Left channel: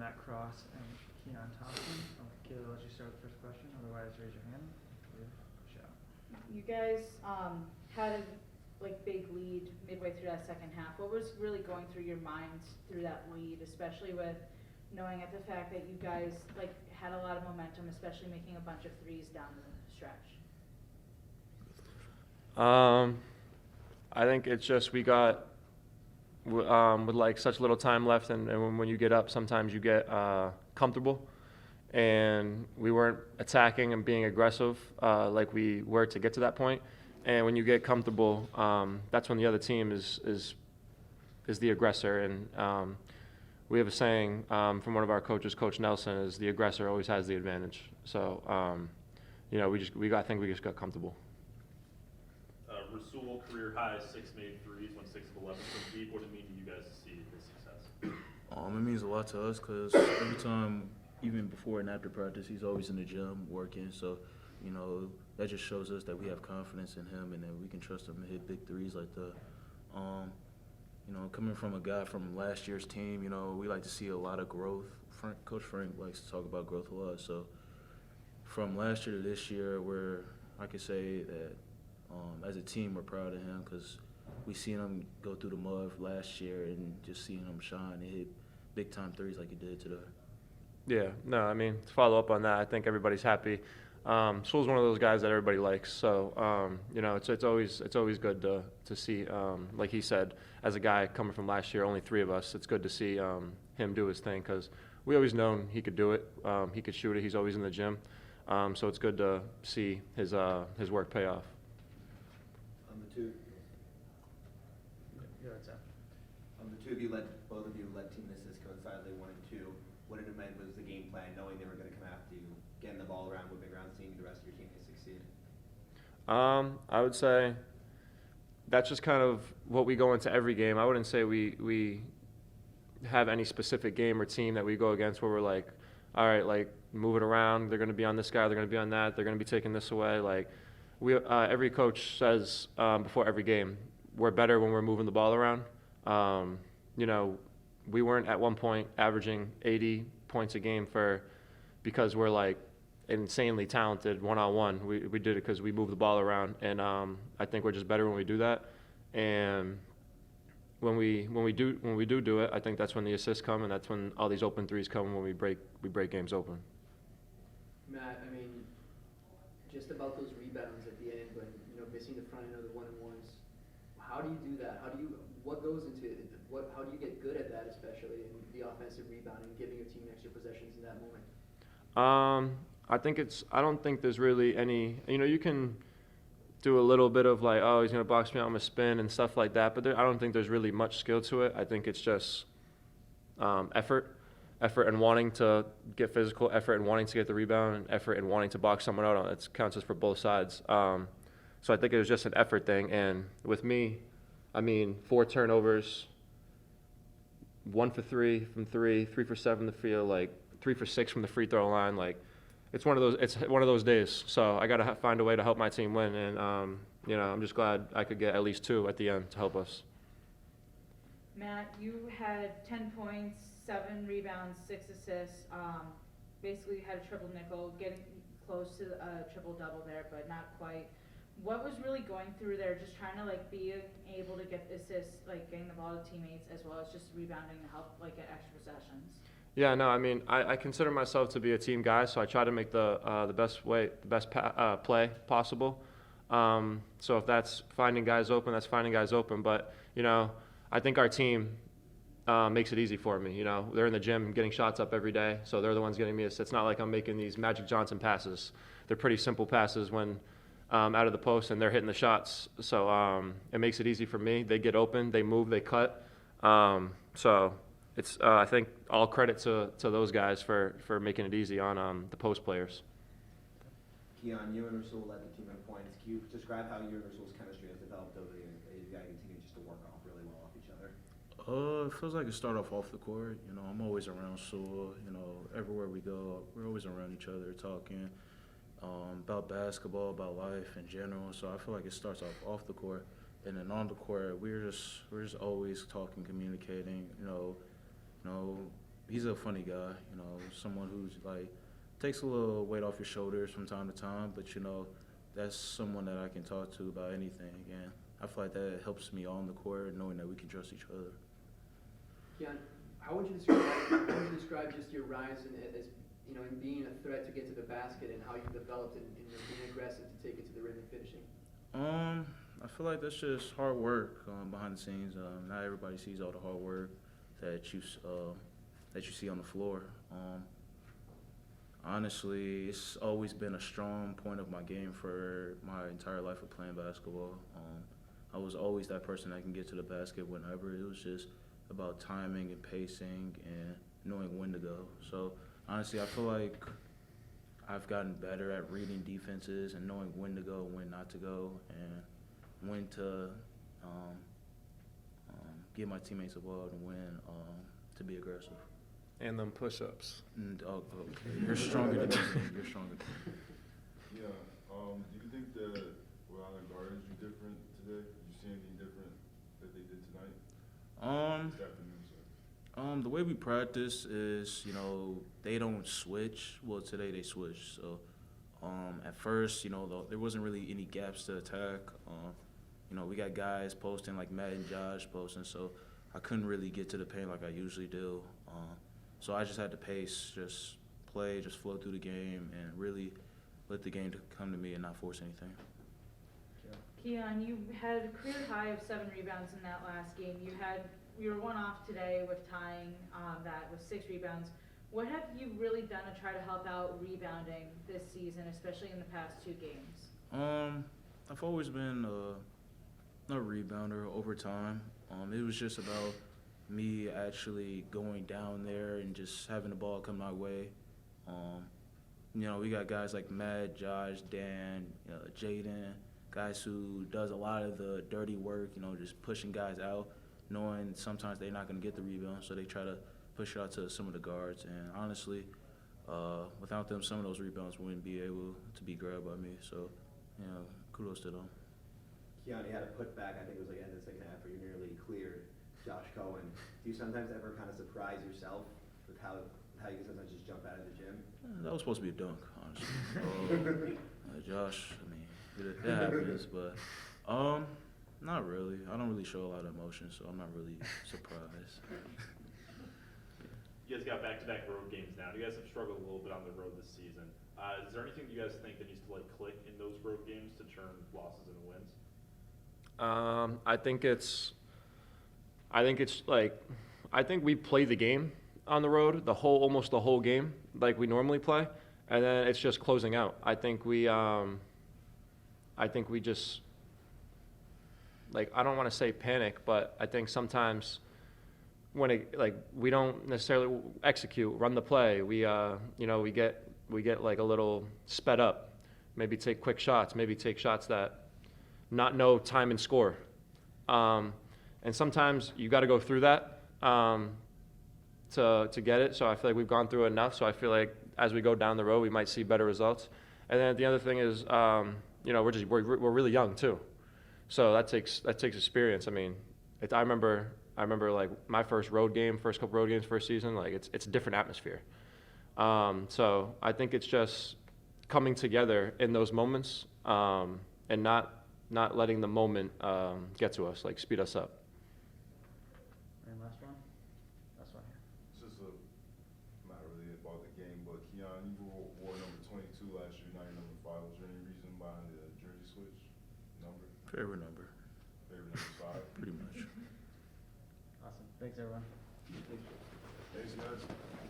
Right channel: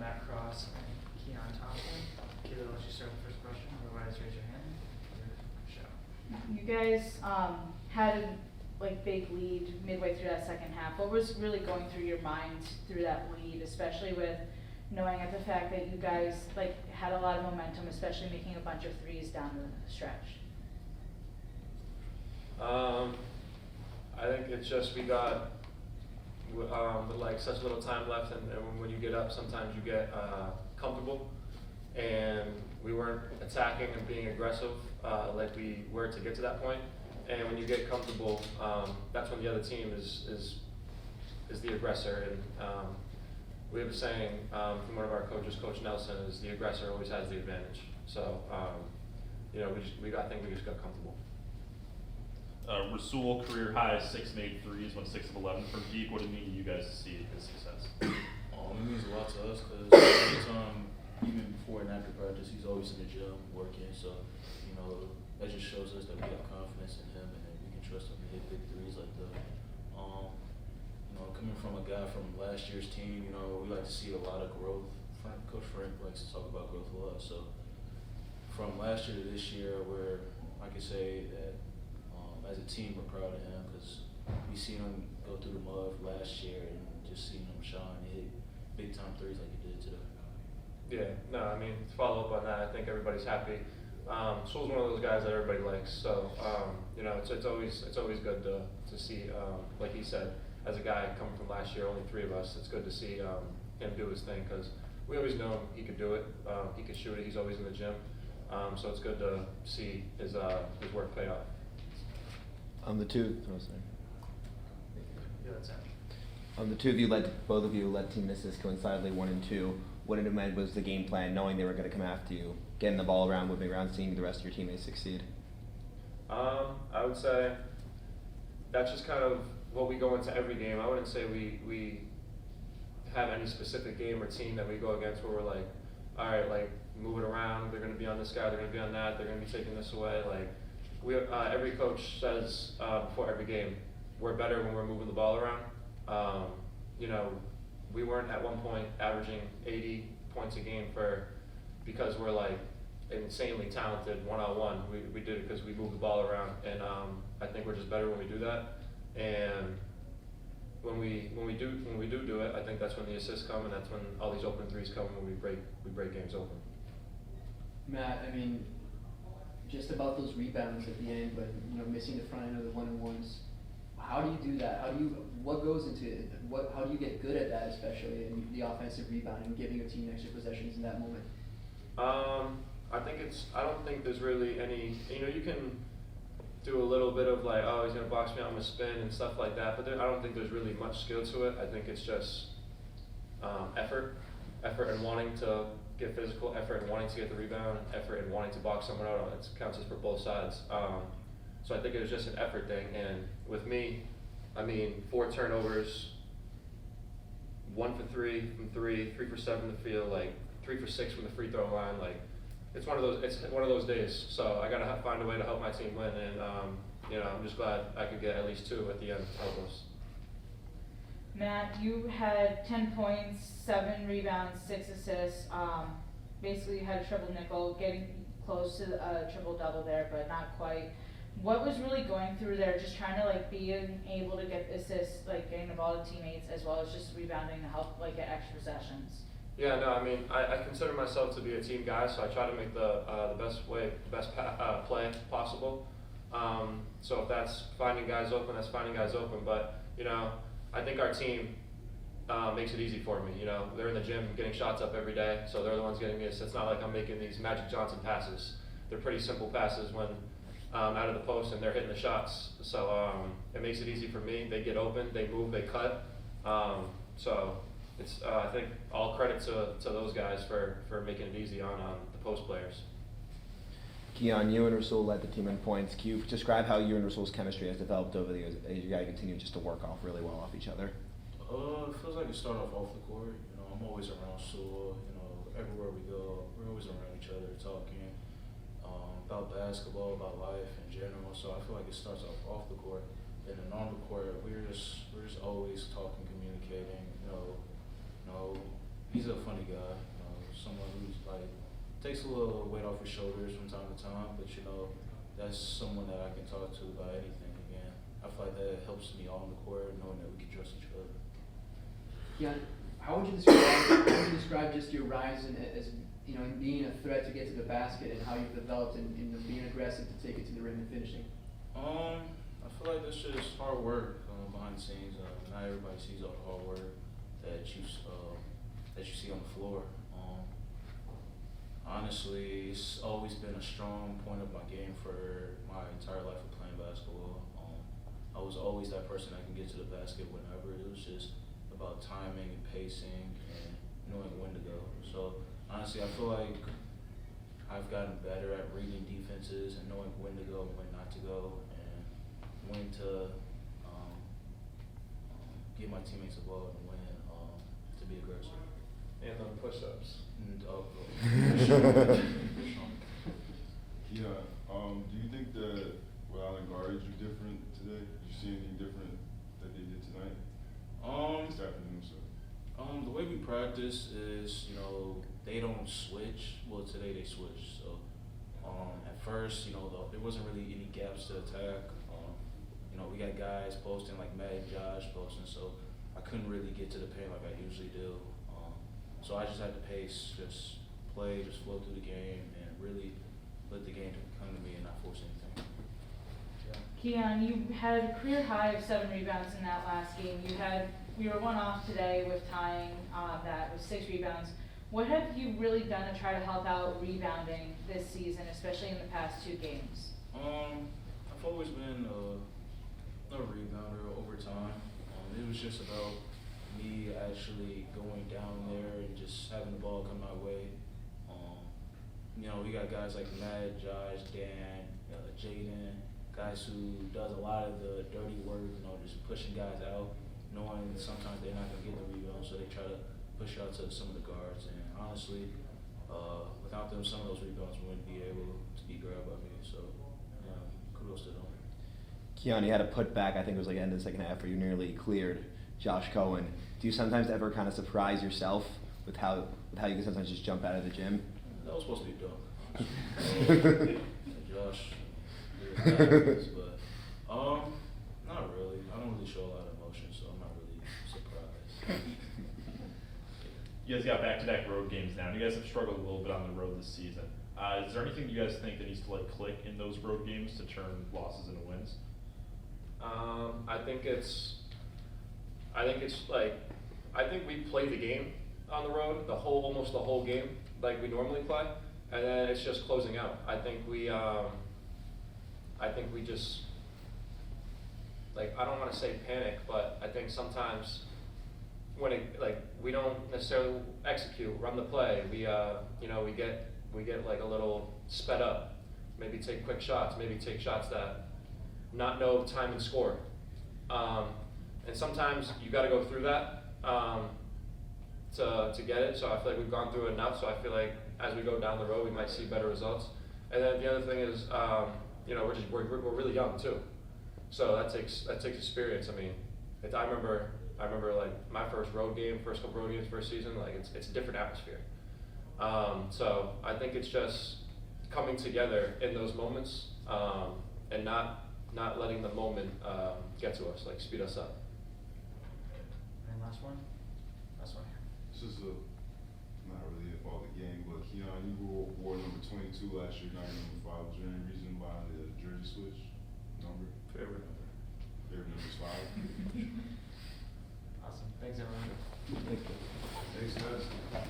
Matt Cross and Keon Thompson. Kayla, let's just start with the first question. Otherwise, raise your hand. Show. You guys had a big lead midway through that second half. What was really going through your mind through that lead, especially with knowing at the fact that you guys had a lot of momentum, especially making a bunch of threes down the stretch? I think it's just we got with such little time left, and when you get up, sometimes you get comfortable, and we weren't attacking and being aggressive like we were to get to that point. And when you get comfortable, that's when the other team is the aggressor. And we have a saying from one of our coaches, Coach Nelson, is the aggressor always has the advantage. So I think we just got comfortable. Rasul career high 6 made threes, went 6 of 11 from deep. What did it mean to you guys to see his success? It means a lot to us because every time, even before and after practice, he's always in the gym working. So, that just shows us that we have confidence in him and that we can trust him to hit big threes like that. Coming from a guy from last year's team, we like to see a lot of growth. Coach Frank likes to talk about growth a lot. So, from last year to this year, I can say that as a team, we're proud of him because we seen him go through the mud last year and just seeing him shine and hit big time threes like he did today. Yeah, no, to follow up on that, I think everybody's happy. Sewell's one of those guys that everybody likes, so it's always good to see, like he said, as a guy coming from last year, only 3 of us. It's good to see him do his thing because we always known he could do it. He could shoot it. He's always in the gym, so it's good to see his work pay off. The two of you both of you led team misses coincidentally 1 and 2. What it meant was the game plan, knowing they were going to come after you, getting the ball around, moving around, seeing the rest of your teammates succeed. I would say that's just kind of what we go into every game. I wouldn't say we have any specific game or team that we go against where we're like, all right, move it around. They're going to be on this guy. They're going to be on that. They're going to be taking this away. Every coach says before every game, we're better when we're moving the ball around. We weren't at one point averaging 80 points a game because we're insanely talented one-on-one. We did it because we moved the ball around, and I think we're just better when we do that. And when we do it, I think that's when the assists come, and that's when all these open threes come when we break games open. Matt, just about those rebounds at the end, but missing the front end of the 1-on-1s. How do you do that? What goes into it? How do you get good at that, especially in the offensive rebounding, giving your team extra possessions in that moment? I don't think there's really any. You can do a little bit of he's gonna box me out, I'm gonna spin and stuff like that, but I don't think there's really much skill to it. I think it's just effort and wanting to get physical, effort and wanting to get the rebound, effort and wanting to box someone out. It counts for both sides. So I think it was just an effort thing. And with me, 4 turnovers, 1 for 3 from 3, 3 for 7 from the field, 3 for 6 from the free throw line. It's one of those days. So I got to find a way to help my team win. And I'm just glad I could get at least 2 at the end to help us. Matt, you had 10 points, 7 rebounds, 6 assists. Basically, you had a triple nickel, getting close to a triple double there, but not quite. What was really going through there? Just trying to being able to get assists, getting the ball to teammates, as well as just rebounding to help get extra possessions. Yeah, no, I consider myself to be a team guy, so I try to make the best play possible. So if that's finding guys open, that's finding guys open. But I think our team makes it easy for me. They're in the gym getting shots up every day, so they're the ones getting me assists. It's not like I'm making these Magic Johnson passes. They're pretty simple passes when out of the post, and they're hitting the shots. So it makes it easy for me. They get open, they move, they cut. So it's I think all credit to those guys for making it easy on the post players. Keon, you and Rasul led the team in points. Can you describe how you and Rasul's chemistry has developed over the years as you guys continue just to work really well off each other? It feels like it started off the court. I'm always around Rasul. Everywhere we go, we're always around each other talking about basketball, about life in general. So I feel like it starts off the court, and then on the court, we're just always talking, communicating. He's a funny guy, you know, someone who's like takes a little weight off your shoulders from time to time, but you know, that's someone that I can talk to about anything, and I feel like that helps me on the court, knowing that we can trust each other. Keon, how would you describe just your rise in as you know in being a threat to get to the basket and how you've developed in being aggressive to take it to the rim and finishing? I feel like that's just hard work behind the scenes. Not everybody sees all the hard work that you see on the floor. Honestly, it's always been a strong point of my game for my entire life of playing basketball. I was always that person that can get to the basket whenever. It was just about timing and pacing and knowing when to go. So honestly, I feel like I've gotten better at reading defenses and knowing when to go and when not to go, and when to give my teammates a ball and when to be aggressive. And then push-ups. And, you're strong. You're strong. Yeah. Do you think that Allen guards you different today? Did you see anything different that they did tonight? This afternoon, sorry. The way we practice is, you know, they don't switch. Well, today they switched. So, at first, you know, there wasn't really any gaps to attack. You know, we got guys posting like Matt and Josh posting, so I couldn't really get to the paint like I usually do. So I just had to pace, just play, just flow through the game, and really let the game come to me and not force anything. Keon, you had a career high of 7 rebounds in that last game. You were one off today with tying that with 6 rebounds. What have you really done to try to help out rebounding this season, especially in the past 2 games? I've always been a rebounder over time. It was just about me actually going down there and just having the ball come my way. You know, we got guys like Matt, Josh, Dan, Jaden, guys who does a lot of the dirty work, you know, just pushing guys out, knowing sometimes they're not going to get the rebound, so they try to push out to some of the guards. And honestly, without them, some of those rebounds wouldn't be able to be grabbed by me. So, you know, kudos to them. Keon, you had a putback, I think it was like end of the second half, where you nearly cleared Josh Cohen. Do you sometimes ever kind of surprise yourself with how you can sometimes just jump out of the gym? That was supposed to be a dunk, honestly. Josh, I mean, it happens, but not really. I don't really show a lot of emotion, so I'm not really surprised. You guys got back-to-back road games now. You guys have struggled a little bit on the road this season. Is there anything you guys think that needs to like click in those road games to turn losses into wins? I think we play the game on the road, almost the whole game, like we normally play, and then it's just closing out. I think we just, like, I don't want to say panic, but I think sometimes when we don't necessarily run the play, we get like a little sped up, maybe take quick shots, maybe take shots that not know time and score. And sometimes you got to go through that to get it. So I feel like we've gone through enough. So I feel like as we go down the road, we might see better results. And then the other thing is, we're really young too. So that takes experience. I mean, I remember like my first couple road games, first season. Like it's a different atmosphere. So I think it's just coming together in those moments and not letting the moment get to us, like speed us up. And last one here. This is not really about the game, but Keon, you wore number 22 last year, not number 5. Was there any reason behind the jersey switch?